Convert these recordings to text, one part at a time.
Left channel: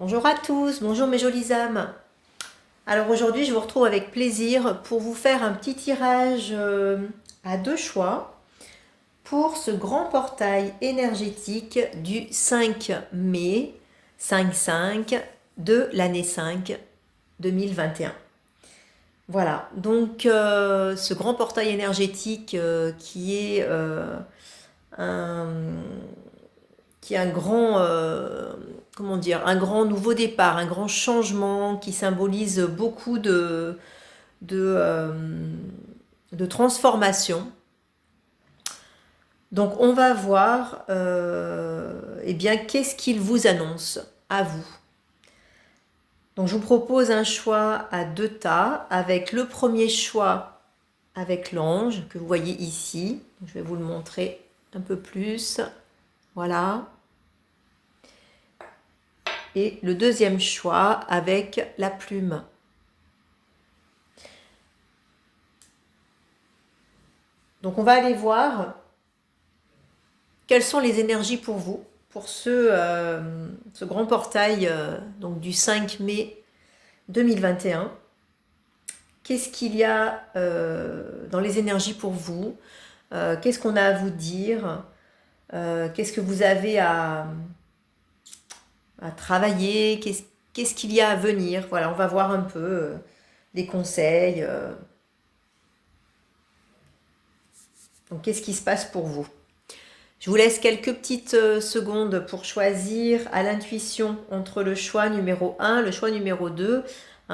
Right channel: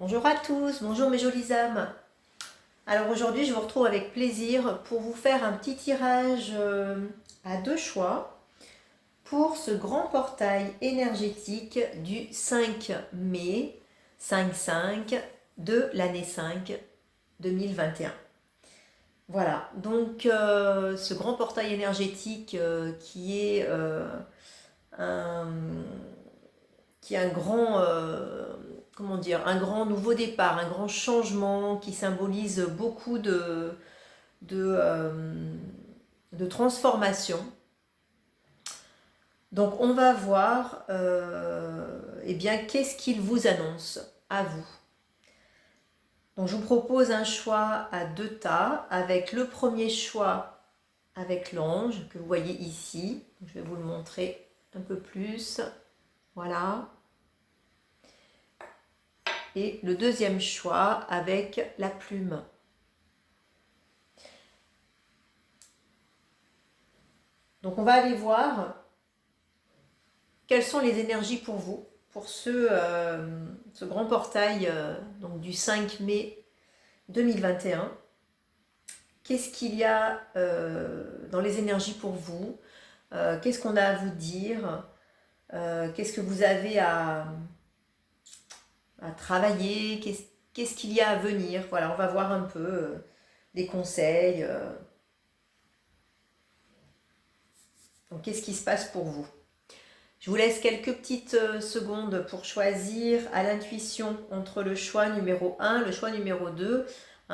Bonjour à tous, bonjour mes jolies âmes. Alors aujourd'hui, je vous retrouve avec plaisir pour vous faire un petit tirage à deux choix pour ce grand portail énergétique du 5 mai 5-5 de l'année 5 2021. Voilà, donc ce grand portail énergétique un, qui est un grand, comment dire, un grand nouveau départ, un grand changement qui symbolise beaucoup de, euh, de transformation. Donc on va voir, eh bien, qu'est-ce qu'il vous annonce à vous. Donc je vous propose un choix à deux tas, avec le premier choix avec l'ange que vous voyez ici. Je vais vous le montrer un peu plus. Voilà. Et le deuxième choix avec la plume. Donc on va aller voir quelles sont les énergies pour vous, pour ce grand portail donc du 5 mai 2021. Qu'est-ce qu'il y a dans les énergies pour vous? Qu'est-ce qu'on a à vous dire? Qu'est-ce que vous avez à travailler? Qu'est-ce qu'il y a à venir? Voilà, on va voir un peu les conseils. Donc, qu'est-ce qui se passe pour vous? Je vous laisse quelques petites secondes pour choisir à l'intuition entre le choix numéro 1, le choix numéro 2.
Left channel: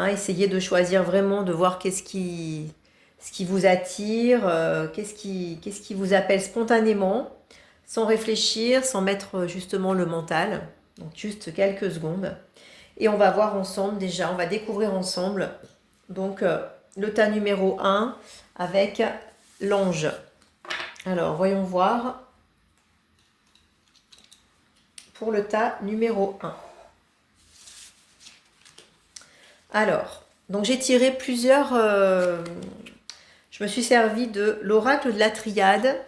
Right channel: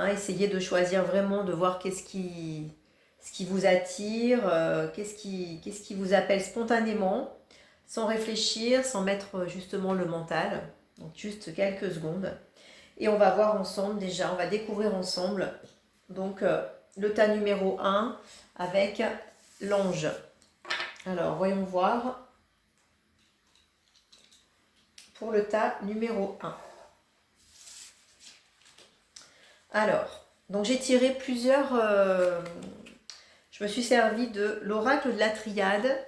Essayez de choisir vraiment, de voir ce qui vous attire, qu'est-ce qui vous appelle spontanément, sans réfléchir, sans mettre justement le mental. Donc juste quelques secondes. Et on va voir ensemble déjà, on va découvrir ensemble donc le tas numéro 1 avec l'ange. Alors voyons voir pour le tas numéro 1. Alors, donc j'ai tiré plusieurs... je me suis servi de l'oracle de la triade.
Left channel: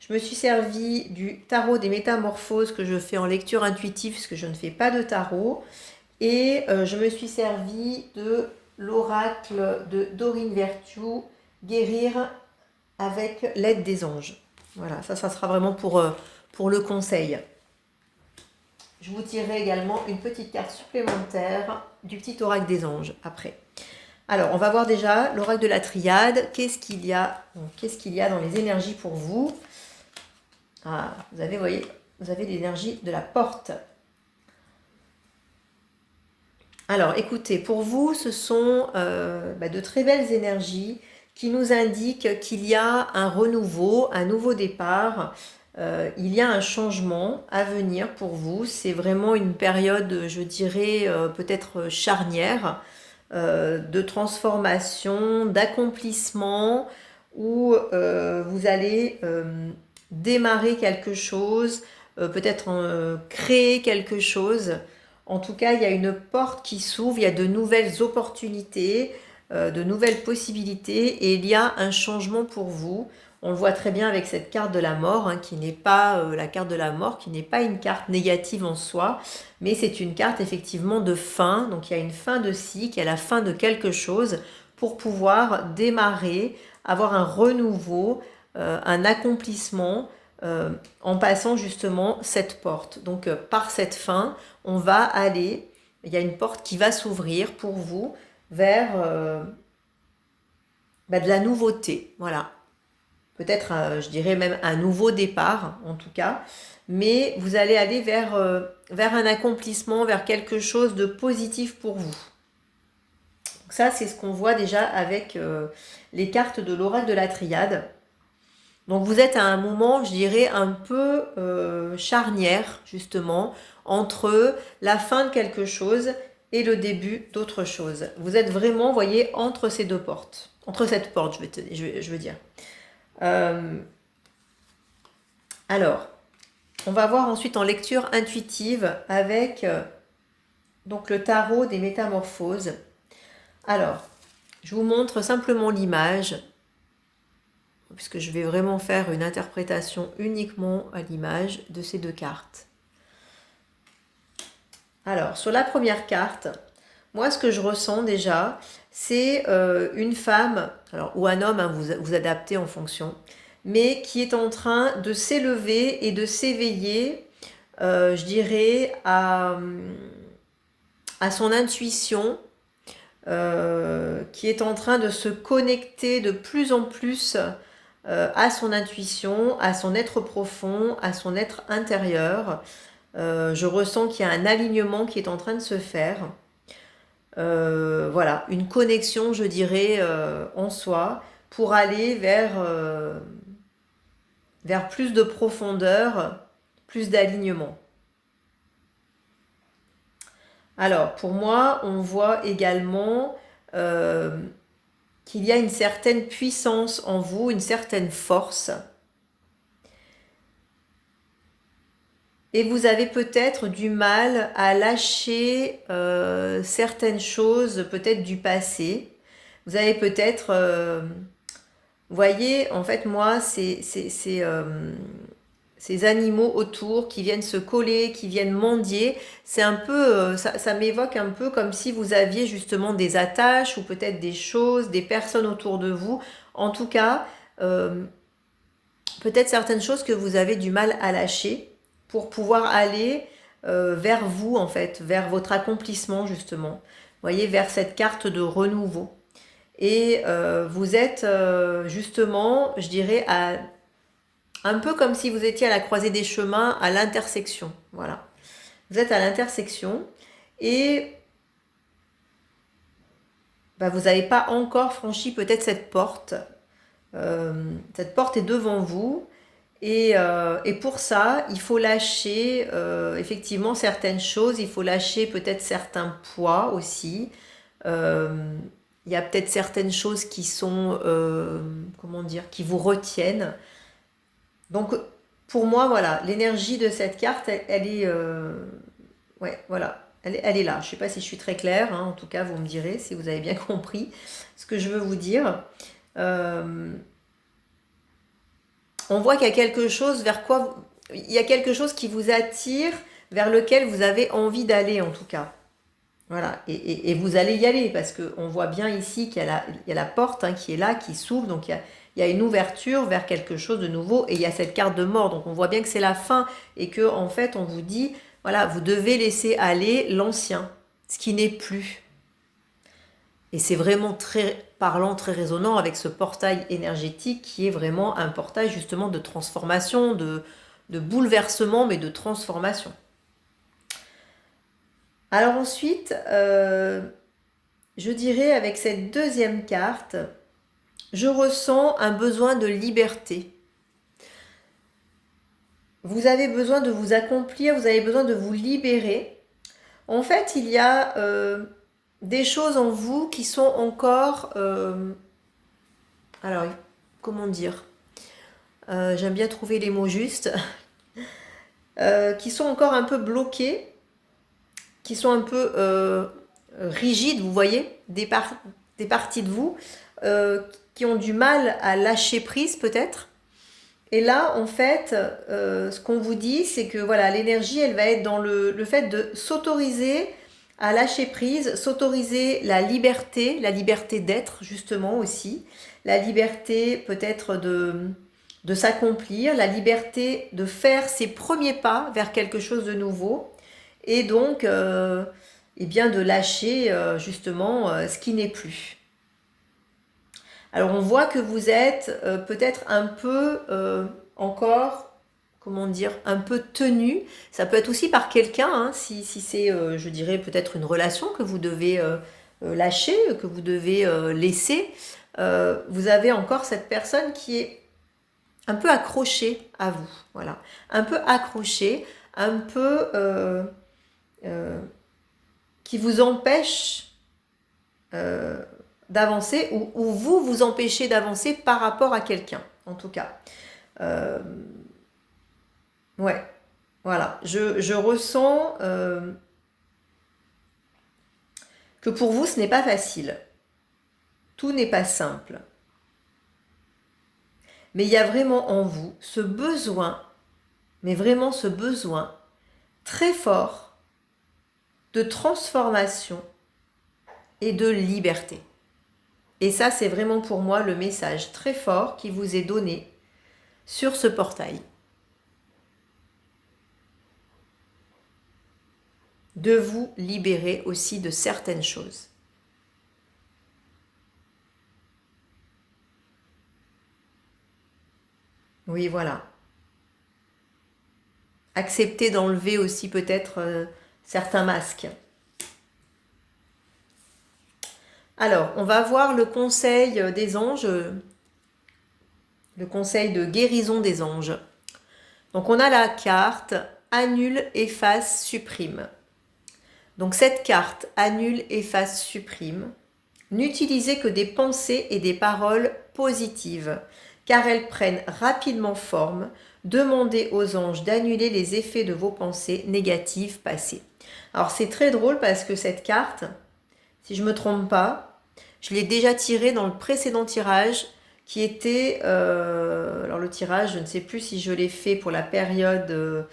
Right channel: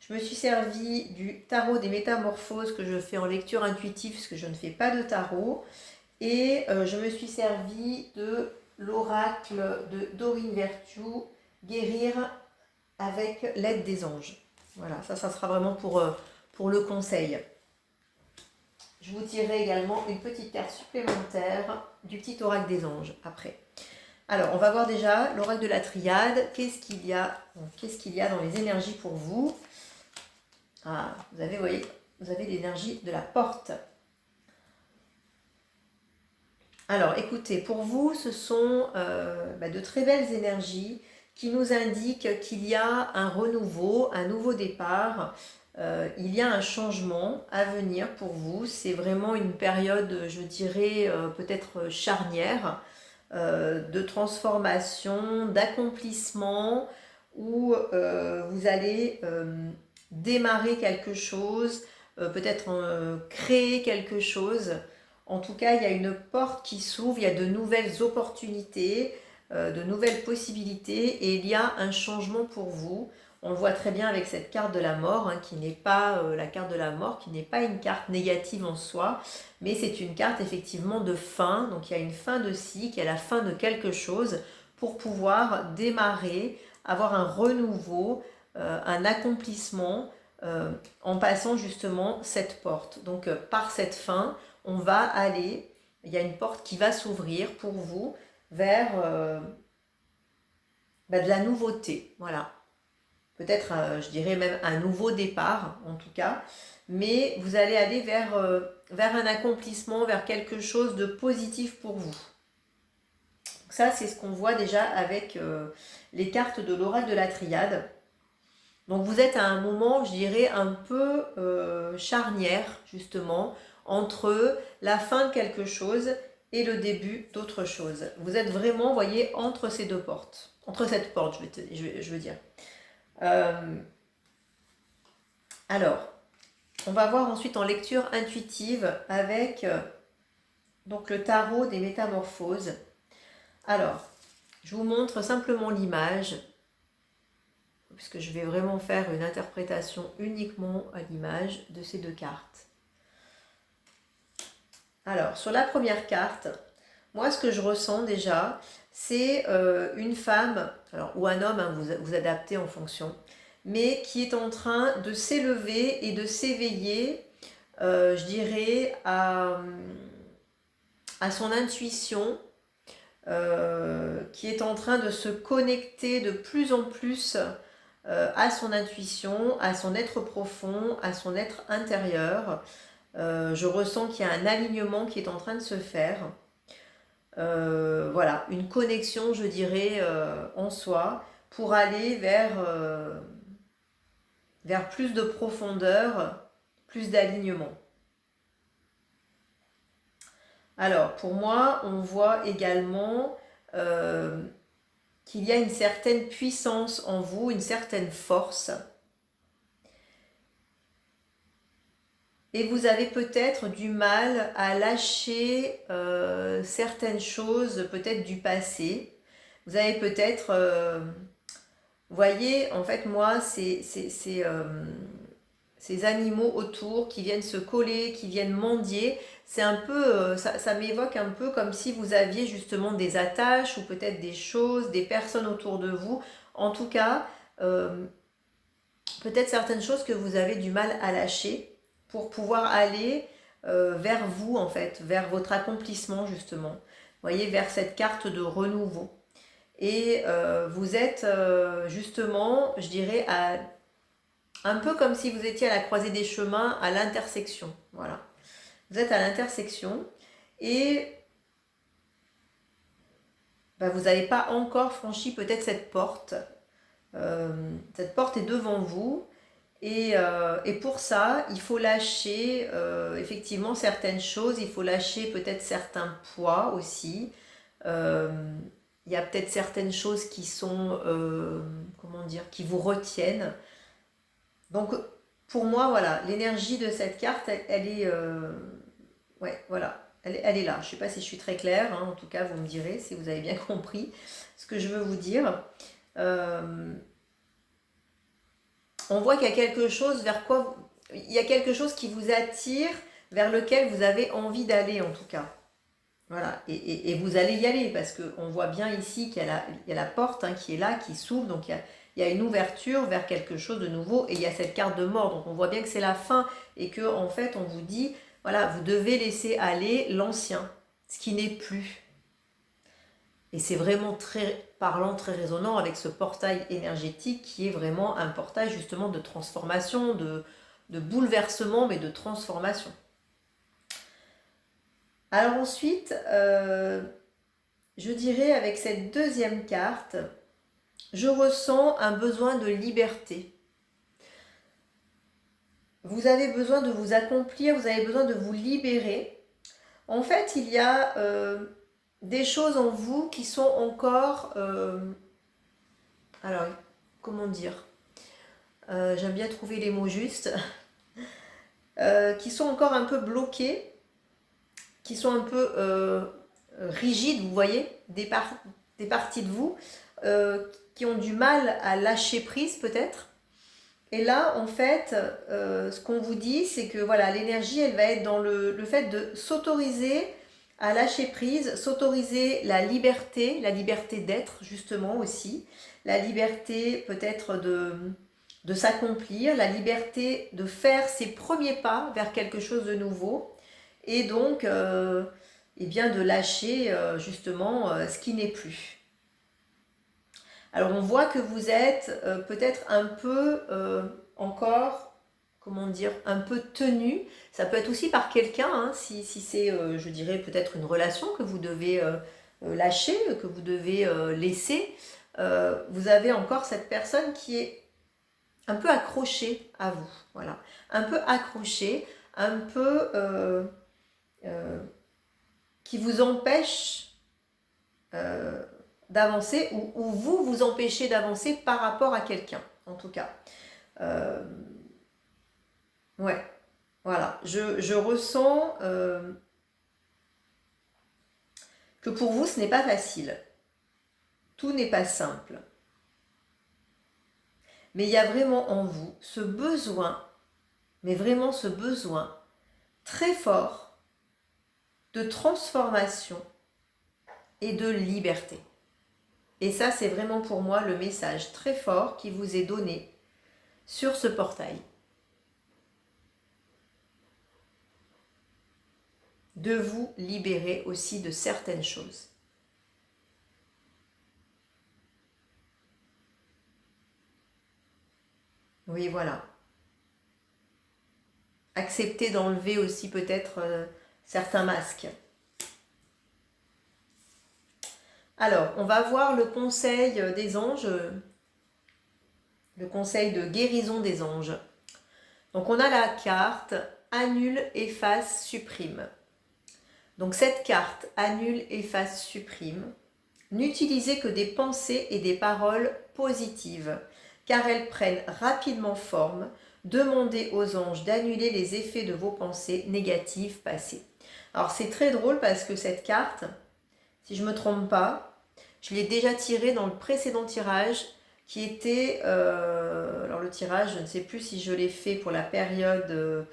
Je me suis servi du tarot des métamorphoses que je fais en lecture intuitive parce que je ne fais pas de tarot. Et je me suis servi de l'oracle de Dorine Vertu, guérir avec l'aide des anges. Voilà, ça sera vraiment pour le conseil. Je vous tirerai également une petite carte supplémentaire du petit oracle des anges après. Alors, on va voir déjà l'oracle de la triade. Qu'est-ce qu'il y a dans les énergies pour vous? Ah, vous voyez, vous avez l'énergie de la porte. Alors, écoutez, pour vous, ce sont de très belles énergies qui nous indiquent qu'il y a un renouveau, un nouveau départ. Il y a un changement à venir pour vous. C'est vraiment une période, je dirais, peut-être charnière, de transformation, d'accomplissement, où vous allez démarrer quelque chose, peut-être créer quelque chose. En tout cas, il y a une porte qui s'ouvre, il y a de nouvelles opportunités, de nouvelles possibilités, et il y a un changement pour vous. On le voit très bien avec cette carte de la mort, qui n'est pas la carte de la mort, qui n'est pas une carte négative en soi, mais c'est une carte effectivement de fin. Donc il y a une fin de cycle, il y a la fin de quelque chose pour pouvoir démarrer, avoir un renouveau, un accomplissement en passant justement cette porte. Donc par cette fin, on va aller, il y a une porte qui va s'ouvrir pour vous vers de la nouveauté. Voilà. Peut-être, je dirais même un nouveau départ, en tout cas. Mais vous allez aller vers un accomplissement, vers quelque chose de positif pour vous. Donc ça, c'est ce qu'on voit déjà avec les cartes de l'oracle de la triade. Donc vous êtes à un moment, je dirais, un peu charnière, justement, entre la fin de quelque chose et le début d'autre chose. Vous êtes vraiment, vous voyez, entre ces deux portes. Entre cette porte, je veux dire. Alors, on va voir ensuite en lecture intuitive avec donc le tarot des métamorphoses. Alors, je vous montre simplement l'image, puisque je vais vraiment faire une interprétation uniquement à l'image de ces deux cartes. Alors, sur la première carte, moi, ce que je ressens déjà, c'est une femme, alors, ou un homme, hein, vous adaptez en fonction, mais qui est en train de s'élever et de s'éveiller, je dirais, à son intuition, qui est en train de se connecter de plus en plus à son intuition, à son être profond, à son être intérieur. Je ressens qu'il y a un alignement qui est en train de se faire. Voilà, une connexion, je dirais, en soi, pour aller vers plus de profondeur, plus d'alignement. Alors, pour moi, on voit également euh, qu'il y a une certaine puissance en vous, une certaine force. Et vous avez peut-être du mal à lâcher certaines choses, peut-être du passé. Vous avez peut-être, vous voyez, en fait, moi, ces animaux autour qui viennent se coller, qui viennent mendier, c'est un peu, ça m'évoque un peu comme si vous aviez justement des attaches ou peut-être des choses, des personnes autour de vous. En tout cas, euh, peut-être certaines choses que vous avez du mal à lâcher pour pouvoir aller vers vous, en fait, vers votre accomplissement, justement. Vous voyez, vers cette carte de renouveau. Et vous êtes justement, je dirais, un peu comme si vous étiez à la croisée des chemins, à l'intersection. Voilà. Vous êtes à l'intersection et bah, vous n'avez pas encore franchi peut-être cette porte. Cette porte est devant vous. Et pour ça, il faut lâcher effectivement certaines choses, il faut lâcher peut-être certains poids aussi. Euh, il y a peut-être certaines choses qui sont, comment dire, qui vous retiennent. Donc pour moi, voilà, l'énergie de cette carte, elle est, ouais, voilà, elle est là. Je ne sais pas si je suis très claire, hein, en tout cas, vous me direz si vous avez bien compris ce que je veux vous dire. Euh, on voit qu'il y a quelque chose vers quoi il y a quelque chose qui vous attire, vers lequel vous avez envie d'aller en tout cas. Voilà, et vous allez y aller parce qu'on voit bien ici qu'il y a la porte hein, qui est là, qui s'ouvre, donc il y a une ouverture vers quelque chose de nouveau et il y a cette carte de mort, donc on voit bien que c'est la fin et que en fait on vous dit, voilà, vous devez laisser aller l'ancien, ce qui n'est plus. Et c'est vraiment très parlant, très résonnant avec ce portail énergétique qui est vraiment un portail justement de transformation, de bouleversement, mais de transformation. Alors ensuite, je dirais avec cette deuxième carte, je ressens un besoin de liberté. Vous avez besoin de vous accomplir, vous avez besoin de vous libérer. En fait, il y a des choses en vous qui sont encore... alors, comment dire j'aime bien trouver les mots justes, qui sont encore un peu bloqués, qui sont un peu rigides, vous voyez, des parties de vous euh, qui ont du mal à lâcher prise peut-être. Et là, en fait, ce qu'on vous dit, c'est que voilà, l'énergie, elle va être dans le fait de s'autoriser à lâcher prise, s'autoriser la liberté d'être justement aussi, la liberté peut-être de s'accomplir, la liberté de faire ses premiers pas vers quelque chose de nouveau et donc eh bien de lâcher justement ce qui n'est plus. Alors on voit que vous êtes peut-être un peu encore, comment dire, un peu tenu. Ça peut être aussi par quelqu'un, hein, si c'est, je dirais, peut-être une relation que vous devez lâcher, que vous devez laisser. Vous avez encore cette personne qui est un peu accrochée à vous. Voilà. Un peu accrochée, un peu euh, qui vous empêche euh, d'avancer ou vous vous empêchez d'avancer par rapport à quelqu'un, en tout cas. Euh, ouais, voilà. Je ressens que pour vous, ce n'est pas facile. Tout n'est pas simple. Mais il y a vraiment en vous ce besoin, mais vraiment ce besoin très fort de transformation et de liberté. Et ça, c'est vraiment pour moi le message très fort qui vous est donné sur ce portail. De vous libérer aussi de certaines choses. Oui, voilà. Accepter d'enlever aussi peut-être certains masques. Alors, on va voir le conseil des anges, le conseil de guérison des anges. Donc, on a la carte annule, efface, supprime. Donc, cette carte annule, efface, supprime. N'utilisez que des pensées et des paroles positives, car elles prennent rapidement forme. Demandez aux anges d'annuler les effets de vos pensées négatives passées. Alors, c'est très drôle parce que cette carte, si je ne me trompe pas, je l'ai déjà tirée dans le précédent tirage qui était, alors le tirage, je ne sais plus si je l'ai fait pour la période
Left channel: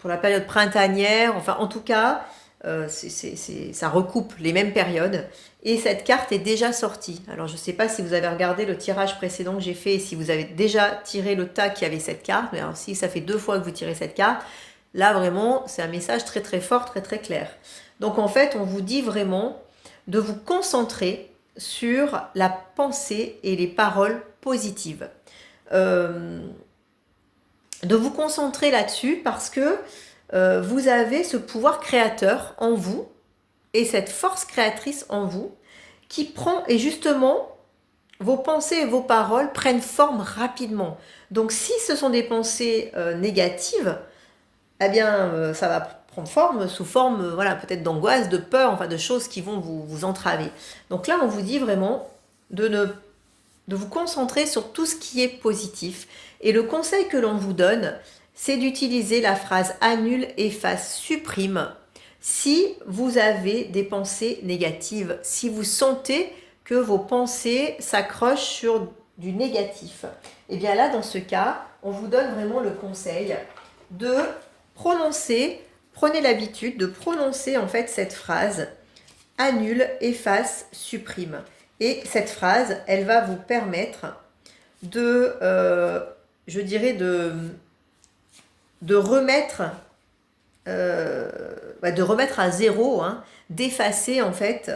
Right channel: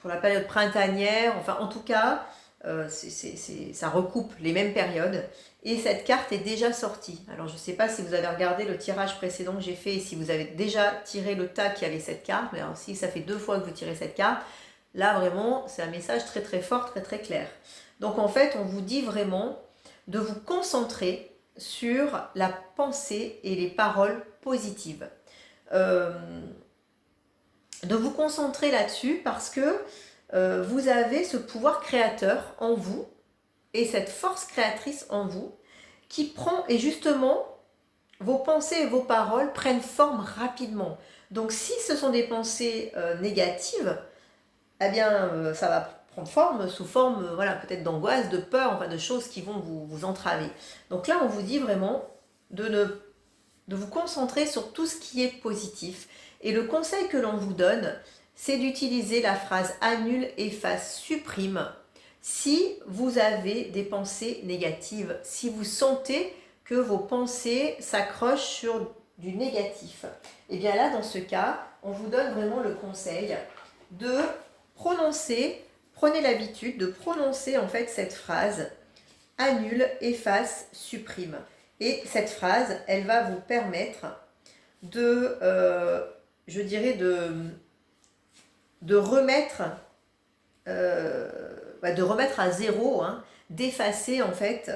pour la période printanière, enfin en tout cas, ça recoupe les mêmes périodes. Et cette carte est déjà sortie. Alors je ne sais pas si vous avez regardé le tirage précédent que j'ai fait et si vous avez déjà tiré le tas qui avait cette carte. Mais alors si ça fait 2 fois que vous tirez cette carte, là vraiment c'est un message très très fort, très très clair. Donc en fait on vous dit vraiment de vous concentrer sur la pensée et les paroles positives. De vous concentrer là-dessus parce que vous avez ce pouvoir créateur en vous et cette force créatrice en vous qui prend, et justement, vos pensées et vos paroles prennent forme rapidement. Donc si ce sont des pensées négatives, eh bien ça va prendre forme sous forme voilà, peut-être d'angoisse, de peur, enfin de choses qui vont vous entraver. Donc là, on vous dit vraiment de vous concentrer sur tout ce qui est positif. Et le conseil que l'on vous donne, c'est d'utiliser la phrase annule, efface, supprime si vous avez des pensées négatives, si vous sentez que vos pensées s'accrochent sur du négatif. Et bien là, dans ce cas, on vous donne vraiment le conseil de prononcer, prenez l'habitude de prononcer en fait cette phrase annule, efface, supprime. Et cette phrase, elle va vous permettre je dirais, de remettre, de remettre à zéro, hein, d'effacer en fait,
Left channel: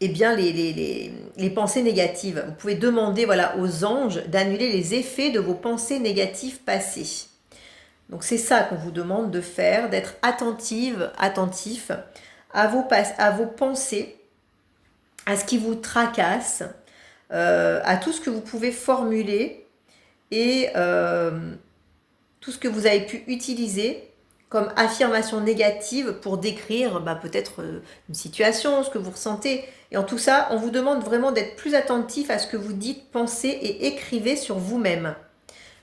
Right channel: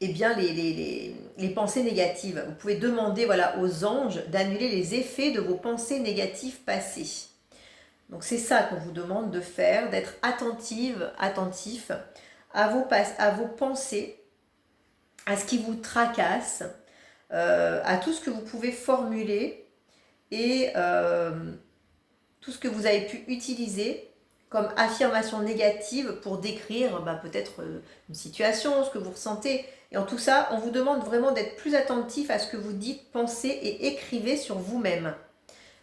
eh bien les pensées négatives. Vous pouvez demander voilà, aux anges d'annuler les effets de vos pensées négatives passées. Donc c'est ça qu'on vous demande de faire, d'être attentif à vos pensées, à ce qui vous tracasse, à tout ce que vous pouvez formuler et tout ce que vous avez pu utiliser comme affirmation négative pour décrire peut-être une situation, ce que vous ressentez. Et en tout ça, on vous demande vraiment d'être plus attentif à ce que vous dites, pensez et écrivez sur vous-même.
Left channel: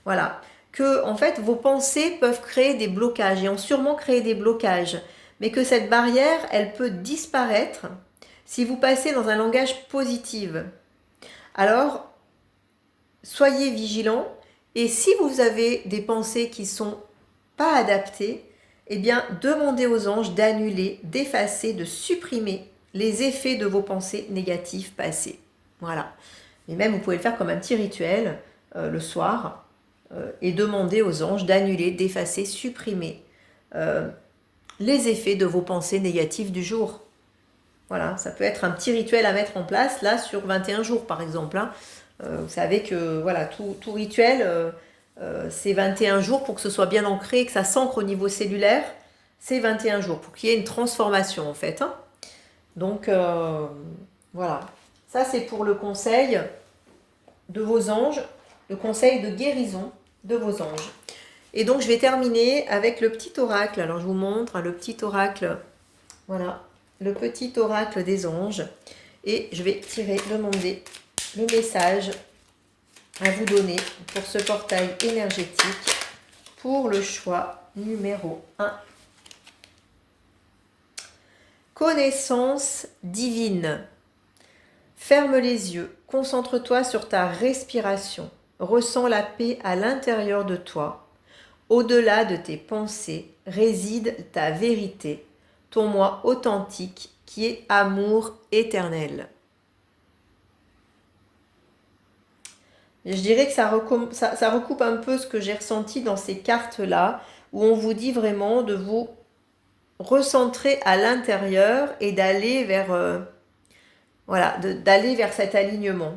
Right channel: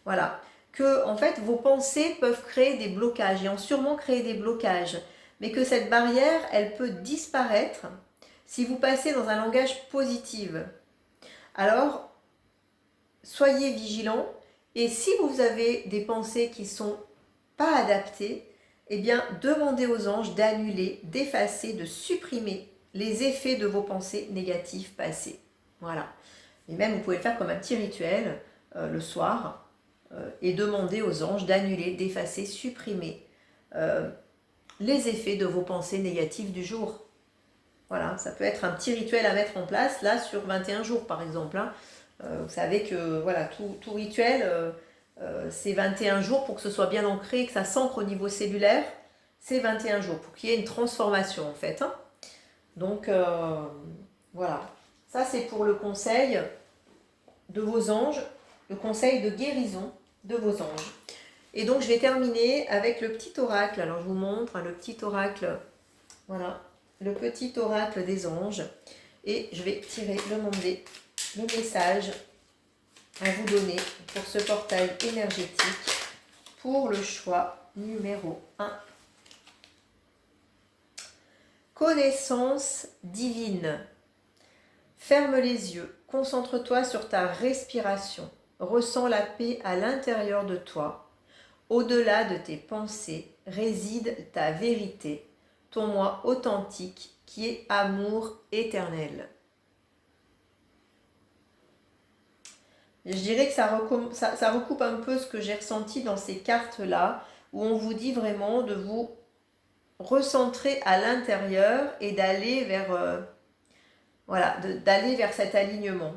Voilà. Que, en fait, vos pensées peuvent créer des blocages et ont sûrement créé des blocages. Mais que cette barrière, elle peut disparaître si vous passez dans un langage positif. Alors, soyez vigilants et si vous avez des pensées qui ne sont pas adaptées, eh bien, demandez aux anges d'annuler, d'effacer, de supprimer les effets de vos pensées négatives passées. Voilà. Et même, vous pouvez le faire comme un petit rituel le soir et demander aux anges d'annuler, d'effacer, supprimer les effets de vos pensées négatives du jour. Voilà, ça peut être un petit rituel à mettre en place, là, sur 21 jours, par exemple. Hein. Vous savez que voilà, tout rituel, c'est 21 jours pour que ce soit bien ancré, que ça s'ancre au niveau cellulaire. C'est 21 jours pour qu'il y ait une transformation, en fait. Hein. Donc, voilà. Ça, c'est pour le conseil de vos anges, le conseil de guérison de vos anges. Et donc, je vais terminer avec le petit oracle. Alors, je vous montre le petit oracle. Voilà, le petit oracle des anges. Et je vais demander le message à vous donner pour ce portail énergétique pour le choix numéro 1. Connaissance divine. Ferme les yeux, concentre-toi sur ta respiration. Ressens la paix à l'intérieur de toi. Au-delà de tes pensées réside ta vérité, ton moi authentique qui est amour éternel. Je dirais que ça recoupe un peu ce que j'ai ressenti dans ces cartes-là, où on vous dit vraiment de vous recentrer à l'intérieur et d'aller vers, voilà, d'aller vers cet alignement.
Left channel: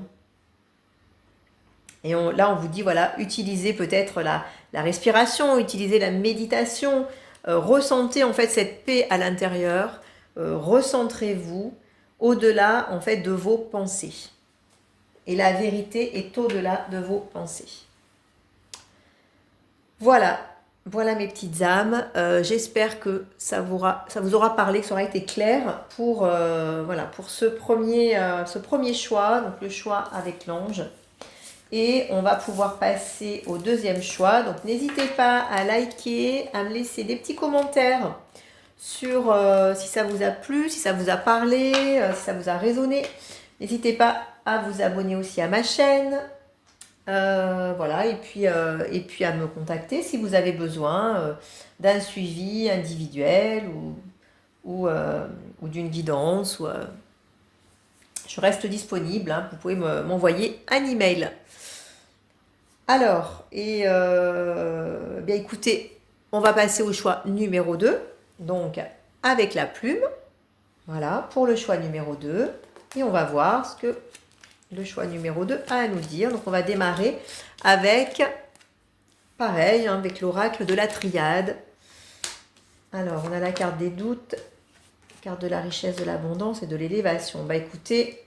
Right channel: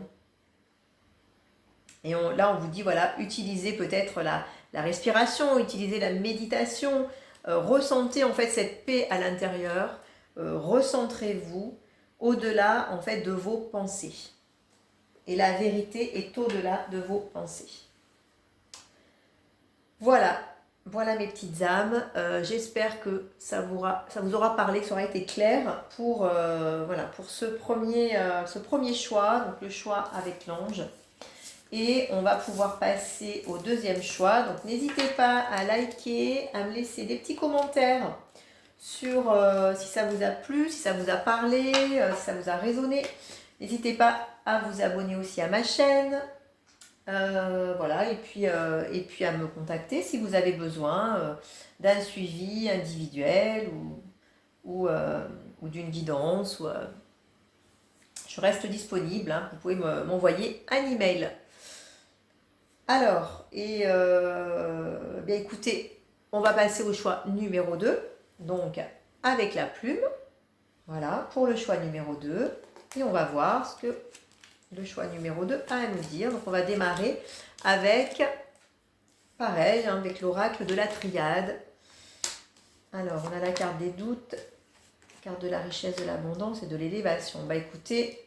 Et là, on vous dit, voilà, utilisez peut-être la respiration, utilisez la méditation, ressentez en fait cette paix à l'intérieur, recentrez-vous au-delà en fait de vos pensées. Et la vérité est au-delà de vos pensées. Voilà, voilà mes petites âmes. J'espère que ça vous aura parlé, que ça aura été clair pour, voilà, pour ce premier choix, donc le choix avec l'ange. Et on va pouvoir passer au deuxième choix. Donc n'hésitez pas à liker, à me laisser des petits commentaires sur si ça vous a plu, si ça vous a parlé, si ça vous a résonné. N'hésitez pas à vous abonner aussi à ma chaîne. Voilà, et puis à me contacter si vous avez besoin d'un suivi individuel ou d'une guidance. Je reste disponible, hein, vous pouvez m'envoyer un email. Alors, bien écoutez, on va passer au choix numéro 2, donc avec la plume. Voilà, pour le choix numéro 2. Et on va voir ce que le choix numéro 2 a à nous dire. Donc on va démarrer avec, pareil, hein, avec l'oracle de la triade. Alors, on a la carte des doutes, carte de la richesse, de l'abondance et de l'élévation. Bah écoutez,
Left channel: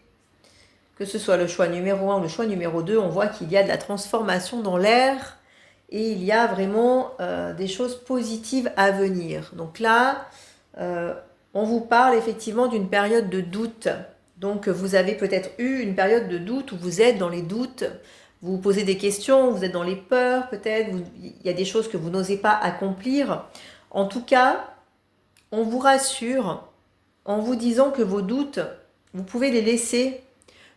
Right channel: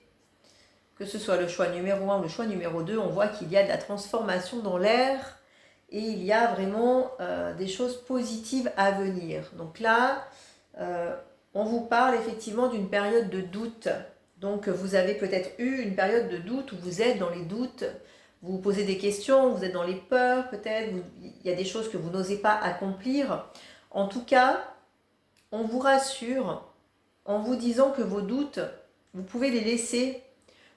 que ce soit le choix numéro 1 ou le choix numéro 2, on voit qu'il y a de la transformation dans l'air et il y a vraiment des choses positives à venir. Donc là, on vous parle effectivement d'une période de doute. Donc vous avez peut-être eu une période de doute où vous êtes dans les doutes, vous vous posez des questions, vous êtes dans les peurs peut-être, il y a des choses que vous n'osez pas accomplir. En tout cas, on vous rassure en vous disant que vos doutes, vous pouvez les laisser.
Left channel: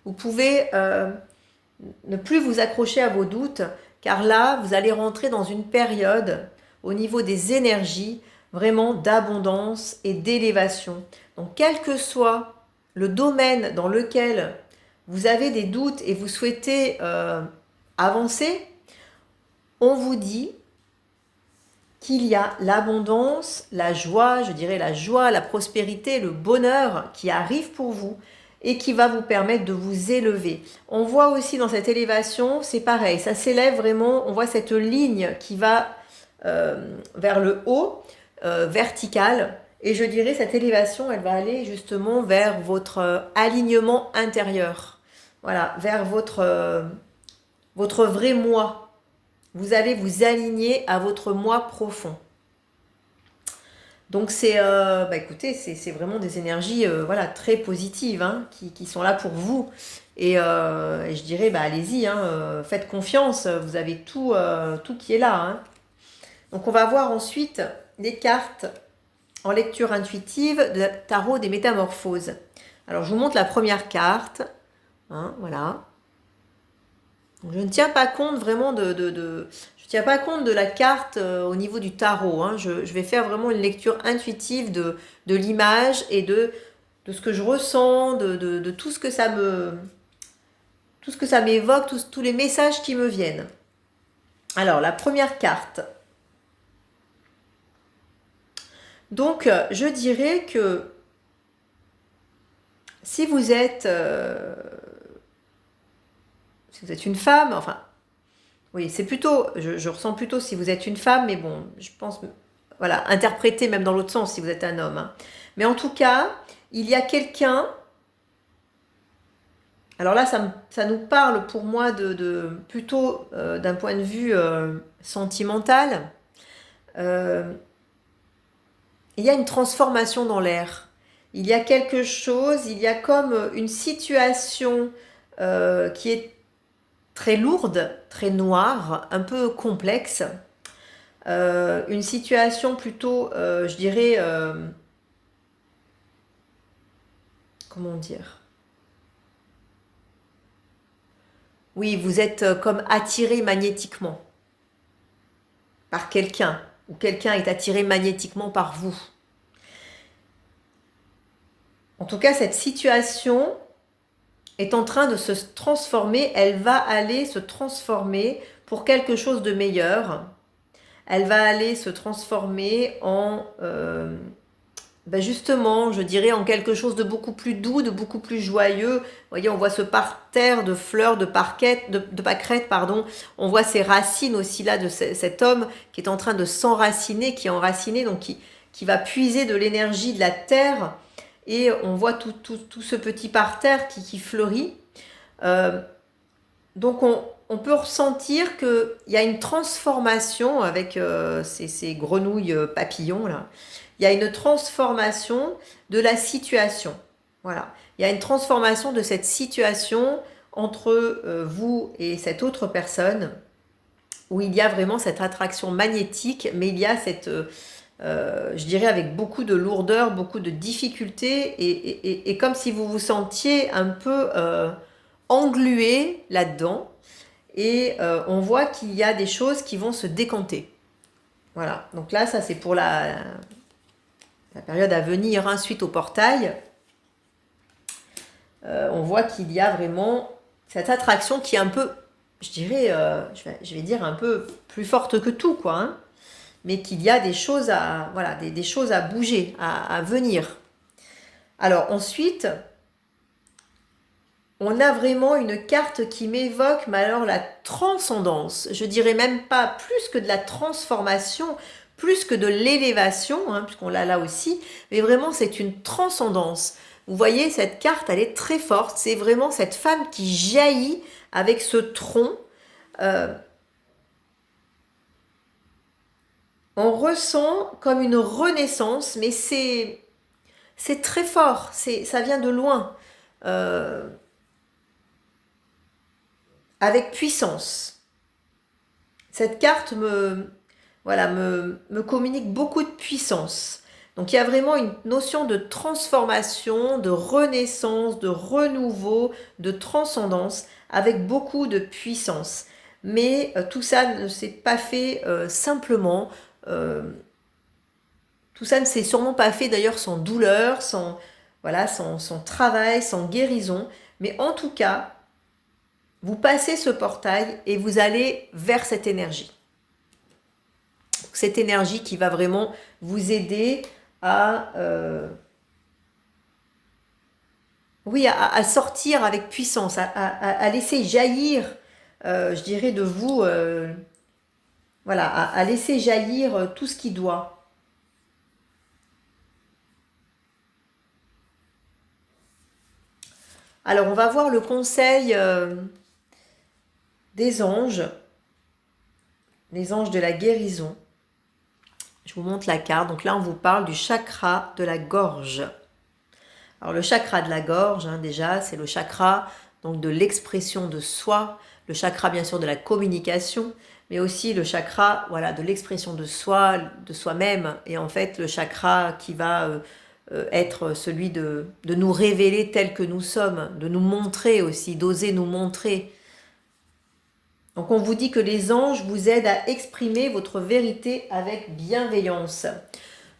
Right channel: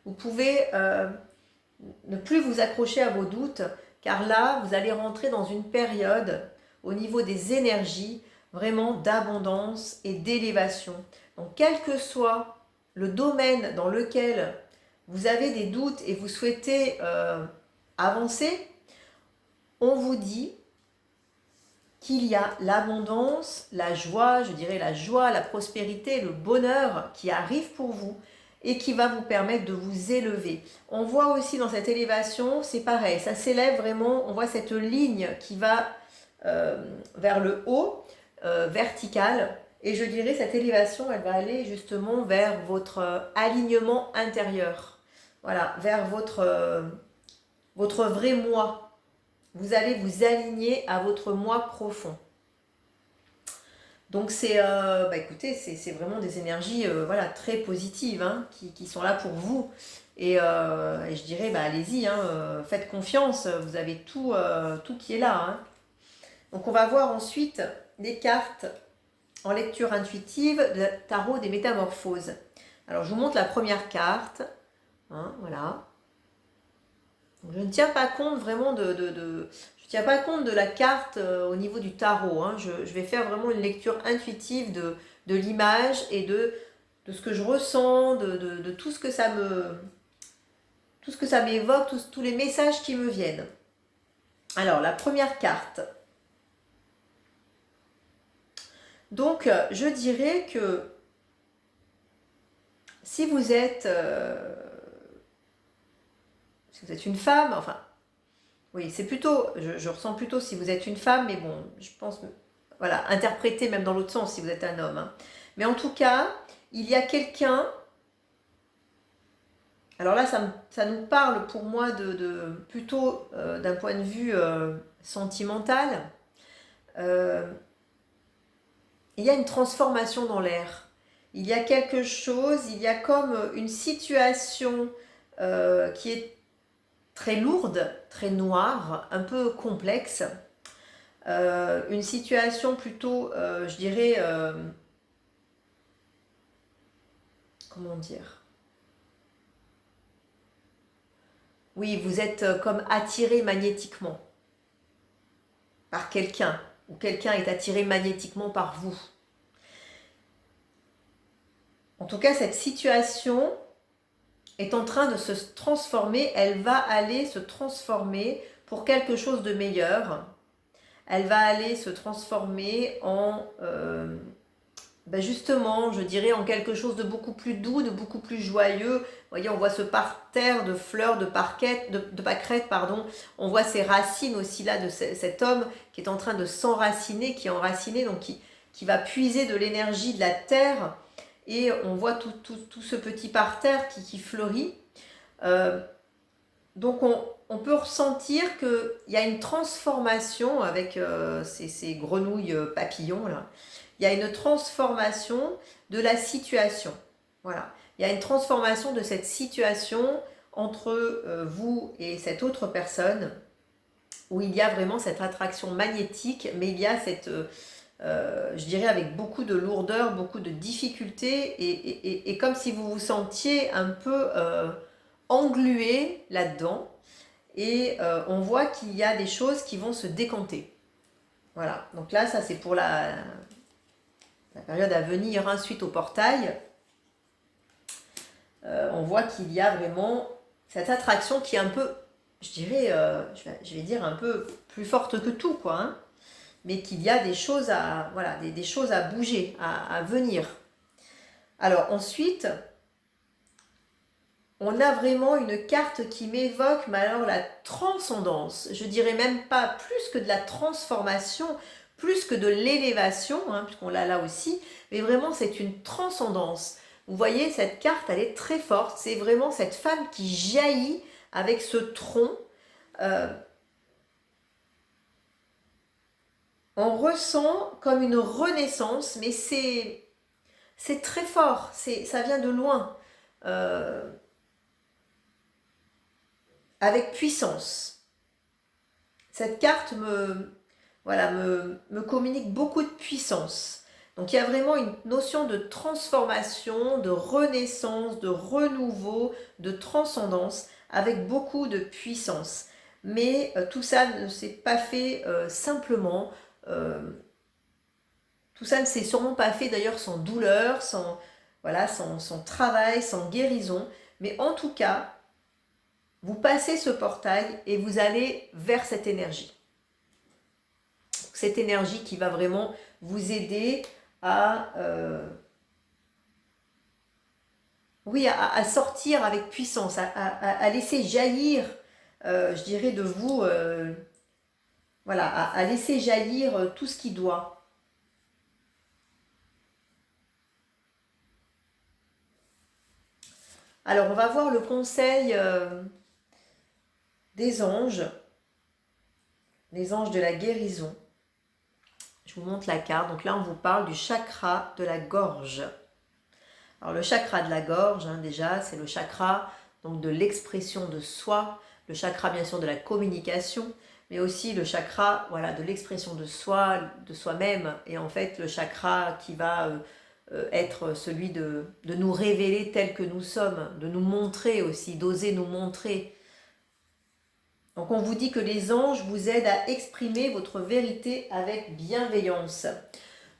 Vous pouvez ne plus vous accrocher à vos doutes, car là, vous allez rentrer dans une période au niveau des énergies vraiment d'abondance et d'élévation. Donc, quel que soit le domaine dans lequel vous avez des doutes et vous souhaitez avancer, on vous dit qu'il y a l'abondance, la joie, je dirais la joie, la prospérité, le bonheur qui arrive pour vous et qui va vous permettre de vous élever. On voit aussi dans cette élévation, c'est pareil, ça s'élève vraiment, on voit cette ligne qui va vers le haut, verticale, et je dirais cette élévation, elle va aller justement vers votre alignement intérieur, voilà, vers votre vrai moi. Vous allez vous aligner à votre moi profond. Donc c'est, écoutez, c'est vraiment des énergies voilà, très positives hein, qui sont là pour vous. Et je dirais, allez-y, hein, faites confiance, vous avez tout qui est là. Hein. Donc on va voir ensuite les cartes en lecture intuitive de tarot des métamorphoses. Alors je vous montre la première carte. Hein, voilà. Je ne tiens pas compte vraiment je tiens pas compte de la carte au niveau du tarot. Hein. Je vais faire vraiment une lecture intuitive de l'image et de ce que je ressens, de tout ce que ça m'évoque, tous les messages qui me viennent. Alors, la première carte. Donc, je dirais que si vous êtes une femme, enfin, oui, c'est plutôt, je ressens plutôt si vous êtes une femme, mais bon, je pense, voilà, interpréter même dans l'autre sens si vous êtes un homme. Hein. Mais en tout cas, il y a quelqu'un, alors là, ça nous parle pour moi plutôt d'un point de vue sentimental. Il y a une transformation dans l'air. Il y a quelque chose, il y a comme une situation qui est très lourde, très noire, un peu complexe. Une situation plutôt, je dirais, comment dire? Oui, vous êtes comme attiré magnétiquement. par quelqu'un, ou quelqu'un est attiré magnétiquement par vous. En tout cas, cette situation est en train de se transformer, elle va aller se transformer pour quelque chose de meilleur. Elle va aller se transformer en, justement, je dirais, en quelque chose de beaucoup plus doux, de beaucoup plus joyeux. Vous voyez, on voit ce parterre de fleurs, de pâquerettes, pardon. On voit ces racines aussi là de cet homme qui est en train de s'enraciner, qui est enraciné, donc qui va puiser de l'énergie de la terre. Et on voit tout ce petit parterre qui fleurit. Donc on peut ressentir qu'il y a une transformation avec ces grenouilles papillons là. Il y a une transformation de la situation. Voilà. Il y a une transformation de cette situation entre vous et cette autre personne où il y a vraiment cette attraction magnétique, mais il y a cette, je dirais, avec beaucoup de lourdeur, beaucoup de difficultés et comme si vous vous sentiez un peu englué là-dedans. Et on voit qu'il y a des choses qui vont se décanter. Voilà, donc là, ça c'est pour la période à venir, hein, suite au portail. On voit qu'il y a vraiment cette attraction qui est un peu, je dirais, je vais dire un peu plus forte que tout, quoi. Hein, mais qu'il y a des choses à, voilà, des choses à bouger, à venir. Alors ensuite, on a vraiment une carte qui m'évoque, mais alors la transcendance. Je dirais même pas plus que de la transformation, plus que de l'élévation, hein, puisqu'on l'a là aussi, mais vraiment c'est une transcendance. Vous voyez, cette carte, elle est très forte. C'est vraiment cette femme qui jaillit avec ce tronc. On ressent comme une renaissance, mais c'est très fort. Ça vient de loin. Avec puissance. Cette carte me communique beaucoup de puissance. Donc il y a vraiment une notion de transformation, de renaissance, de renouveau, de transcendance avec beaucoup de puissance. Mais tout ça ne s'est pas fait simplement. Tout ça ne s'est sûrement pas fait d'ailleurs sans douleur, sans travail, sans guérison. Mais en tout cas, vous passez ce portail et vous allez vers cette énergie. Cette énergie qui va vraiment vous aider à, à sortir avec puissance, à laisser jaillir, je dirais, de vous, à laisser jaillir tout ce qui doit. Alors, on va voir le conseil des anges, les anges de la guérison. Je vous montre la carte. Donc là, on vous parle du chakra de la gorge. Alors le chakra de la gorge, hein, déjà, c'est le chakra donc de l'expression de soi, le chakra bien sûr de la communication, mais aussi le chakra de l'expression de soi, de soi-même, et en fait le chakra qui va être celui de nous révéler tel que nous sommes, de nous montrer aussi, d'oser nous montrer. Donc on vous dit que les anges vous aident à exprimer votre vérité avec bienveillance.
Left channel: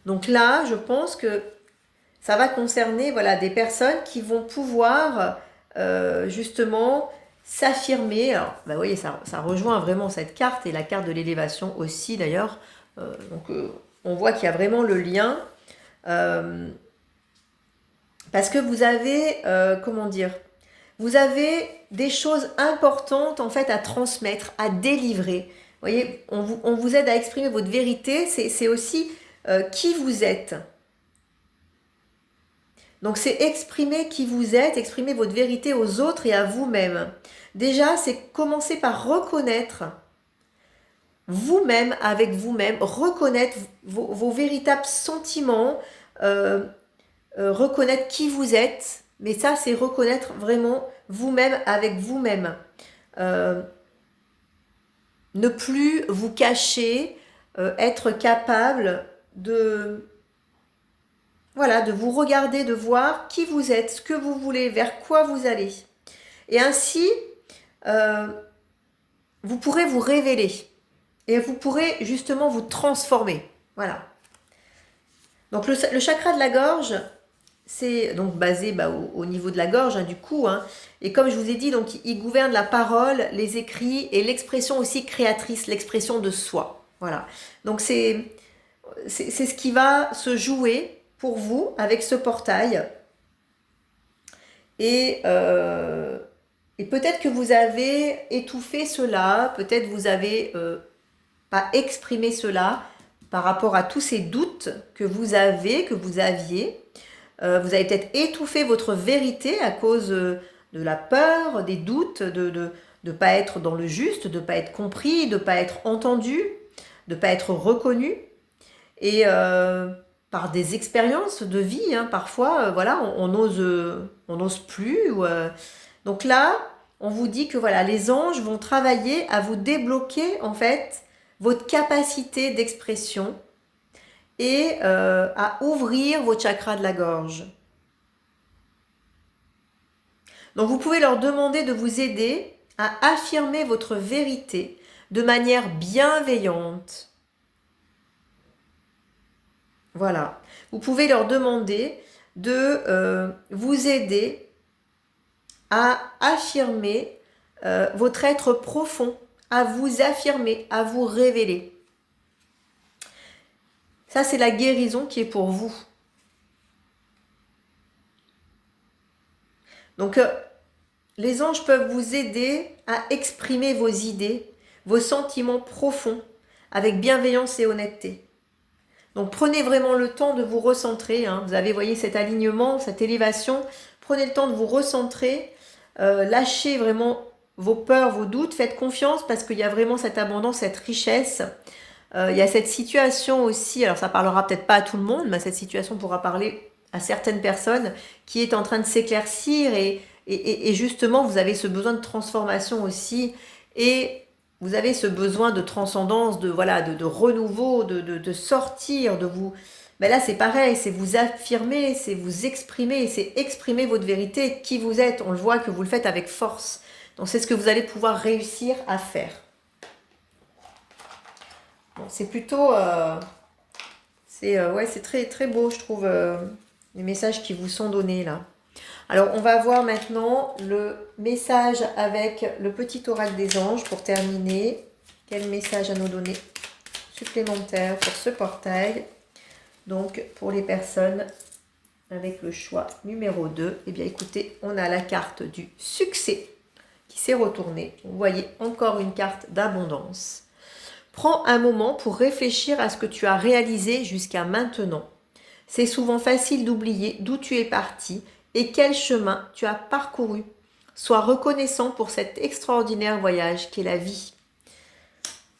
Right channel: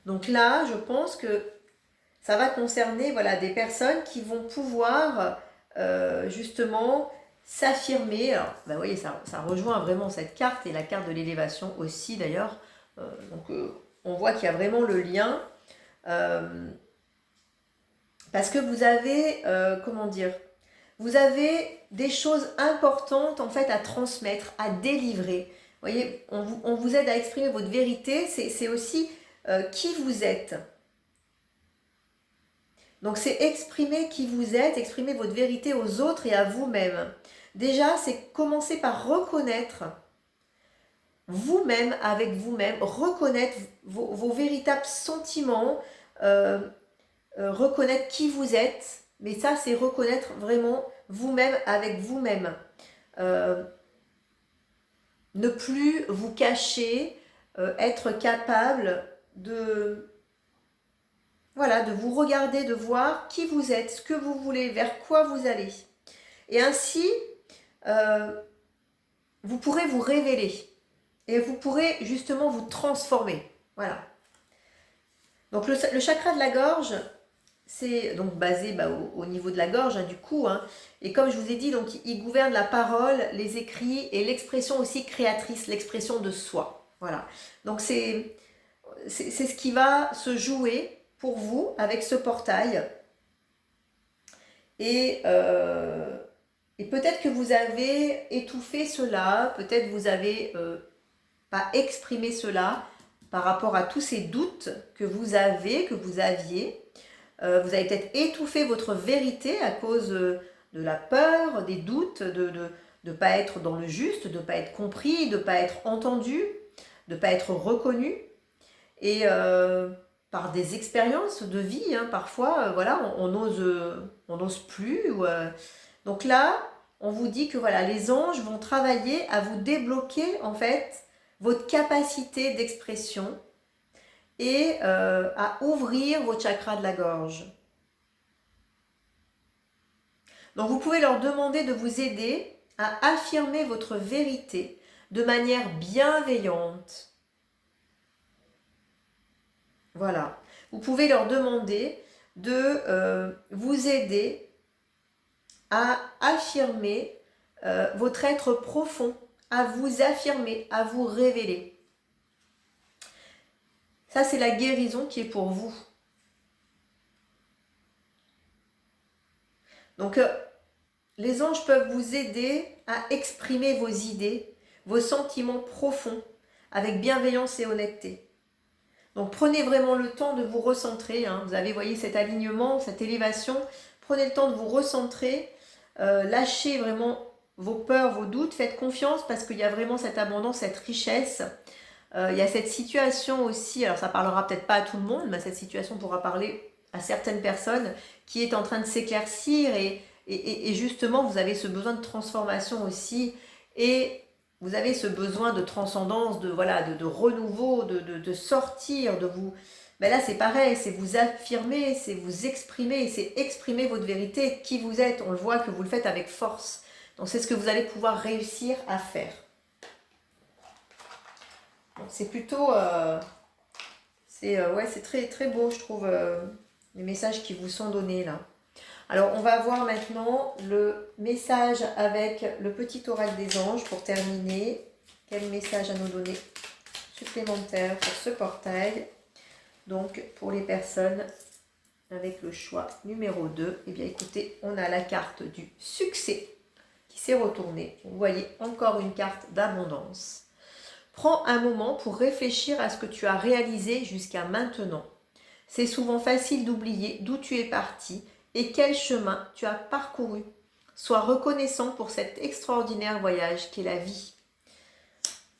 Donc là, je pense que ça va concerner des personnes qui vont pouvoir justement s'affirmer. Alors, vous voyez, ça rejoint vraiment cette carte et la carte de l'élévation aussi d'ailleurs. On voit qu'il y a vraiment le lien. Parce que vous avez, vous avez des choses importantes en fait à transmettre, à délivrer. Vous voyez, on vous aide à exprimer votre vérité, c'est aussi qui vous êtes. Donc c'est exprimer qui vous êtes, exprimer votre vérité aux autres et à vous-même. Déjà, c'est commencer par reconnaître vous-même avec vous-même, reconnaître vos véritables sentiments, reconnaître qui vous êtes. Mais ça, c'est reconnaître vraiment vous-même avec vous-même. Ne plus vous cacher, être capable de vous regarder, de voir qui vous êtes, ce que vous voulez, vers quoi vous allez. Et ainsi, vous pourrez vous révéler. et vous pourrez justement vous transformer. Voilà. Donc le chakra de la gorge, c'est donc basé au niveau de la gorge, hein, du cou. Hein. Et comme je vous ai dit, donc, il gouverne la parole, les écrits et l'expression aussi créatrice, l'expression de soi. Voilà. Donc c'est ce qui va se jouer pour vous avec ce portail. Et peut-être que vous avez étouffé cela, peut-être vous avez pas exprimé cela par rapport à tous ces doutes que vous aviez. Vous avez peut-être étouffé votre vérité à cause de la peur, des doutes, de ne pas être dans le juste, de ne pas être compris, de ne pas être entendu, de ne pas être reconnu. Et par des expériences de vie, hein, parfois, voilà, on n'ose plus. Donc là, on vous dit que voilà, les anges vont travailler à vous débloquer en fait votre capacité d'expression et à ouvrir vos chakras de la gorge. Donc vous pouvez leur demander de vous aider à affirmer votre vérité de manière bienveillante. Voilà. Vous pouvez leur demander de vous aider à affirmer votre être profond, à vous affirmer, à vous révéler. Ça, c'est la guérison qui est pour vous. Donc, les anges peuvent vous aider à exprimer vos idées, vos sentiments profonds, avec bienveillance et honnêteté. Donc, prenez vraiment le temps de vous recentrer. Hein. Vous avez, voyez, cet alignement, cette élévation. Prenez le temps de vous recentrer. Lâchez vraiment vos peurs, vos doutes. Faites confiance parce qu'il y a vraiment cette abondance, cette richesse. Il y a cette situation aussi, alors ça parlera peut-être pas à tout le monde, mais cette situation pourra parler à certaines personnes qui est en train de s'éclaircir et justement vous avez ce besoin de transformation aussi et vous avez ce besoin de transcendance, de renouveau, de sortir, de vous... Ben là c'est pareil, c'est vous affirmer, c'est vous exprimer, c'est exprimer votre vérité, qui vous êtes. On le voit que vous le faites avec force. Donc c'est ce que vous allez pouvoir réussir à faire. Bon, c'est plutôt... c'est très, très beau, je trouve, les messages qui vous sont donnés là. Alors, on va voir maintenant le message avec le petit oracle des anges pour terminer. Quel message à nous donner supplémentaire pour ce portail? Donc, pour les personnes avec le choix numéro 2, eh bien, écoutez, on a la carte du succès qui s'est retournée. Vous voyez encore une carte d'abondance. Prends un moment pour réfléchir à ce que tu as réalisé jusqu'à maintenant. C'est souvent facile d'oublier d'où tu es parti et quel chemin tu as parcouru. Sois reconnaissant pour cet extraordinaire voyage qu'est la vie.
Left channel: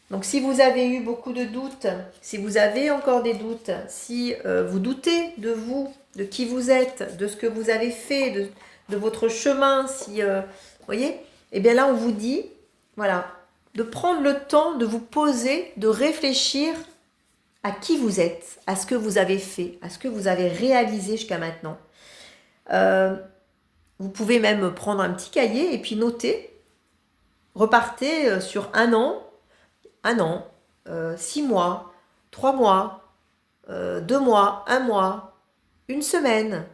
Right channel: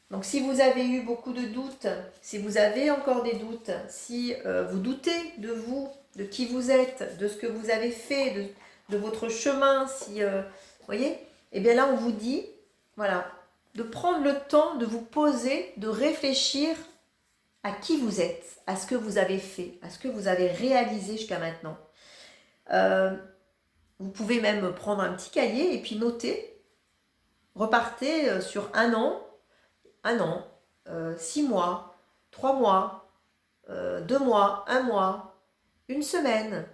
Donc si vous avez eu beaucoup de doutes, si vous avez encore des doutes, si vous doutez de vous, de qui vous êtes, de ce que vous avez fait, de votre chemin, si vous voyez, eh bien là on vous dit, voilà, de prendre le temps de vous poser, de réfléchir à qui vous êtes, à ce que vous avez fait, à ce que vous avez réalisé jusqu'à maintenant. Vous pouvez même prendre un petit cahier et puis noter. Repartez sur un an, 6 mois, 3 mois, 2 mois, 1 mois, une semaine,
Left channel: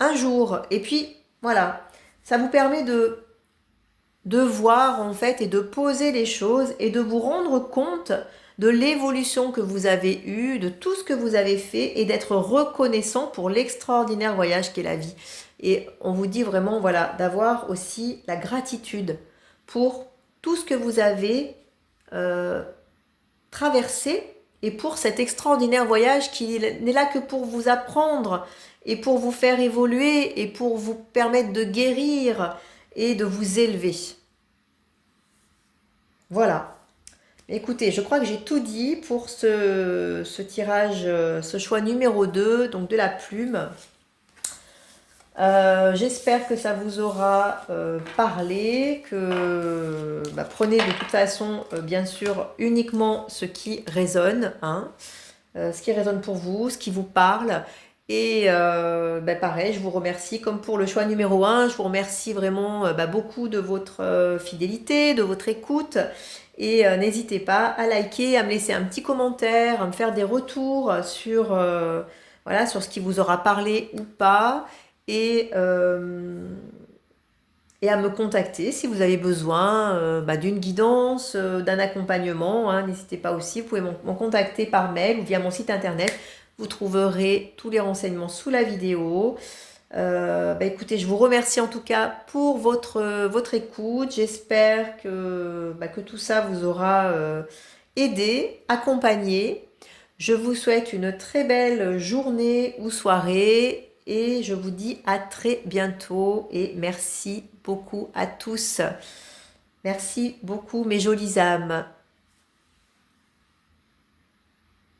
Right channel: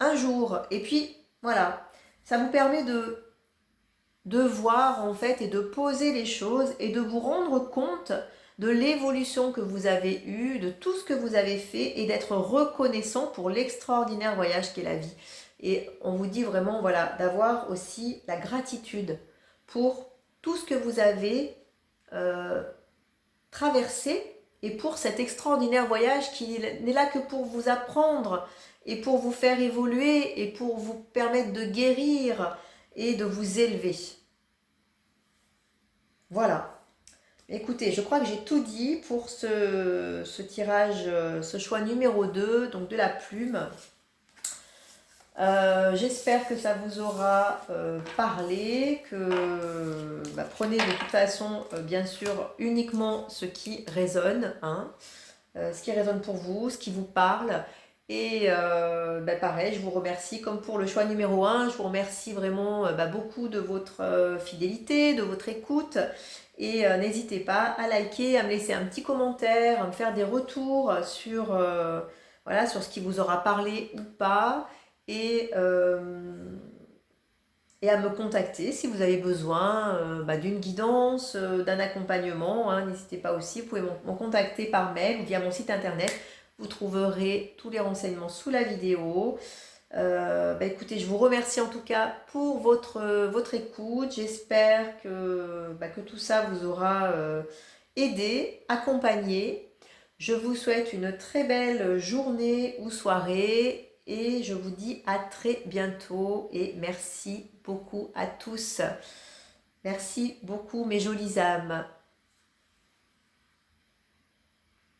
un jour. Et puis, voilà, ça vous permet de voir en fait et de poser les choses et de vous rendre compte de l'évolution que vous avez eue, de tout ce que vous avez fait et d'être reconnaissant pour l'extraordinaire voyage qu'est la vie. Et on vous dit vraiment, voilà, d'avoir aussi la gratitude pour tout ce que vous avez traversé et pour cet extraordinaire voyage qui n'est là que pour vous apprendre et pour vous faire évoluer et pour vous permettre de guérir et de vous élever. Voilà. Écoutez, je crois que j'ai tout dit pour ce tirage, ce choix numéro 2, donc de la plume. J'espère que ça vous aura parlé, que prenez de toute façon, bien sûr, uniquement ce qui résonne, hein, ce qui résonne pour vous, ce qui vous parle. Et pareil, je vous remercie comme pour le choix numéro 1, je vous remercie vraiment beaucoup de votre fidélité, de votre écoute. Et n'hésitez pas à liker, à me laisser un petit commentaire, à me faire des retours sur, voilà, sur ce qui vous aura parlé ou pas. Et, euh, et à me contacter si vous avez besoin d'une guidance, d'un accompagnement, hein. N'hésitez pas aussi, vous pouvez m'en contacter par mail ou via mon site internet. Vous trouverez tous les renseignements sous la vidéo. Écoutez, je vous remercie en tout cas pour votre écoute. J'espère que tout ça vous aura aidé, accompagné. Je vous souhaite une très belle journée ou soirée et je vous dis à très bientôt et merci beaucoup à tous. Merci beaucoup mes jolies âmes.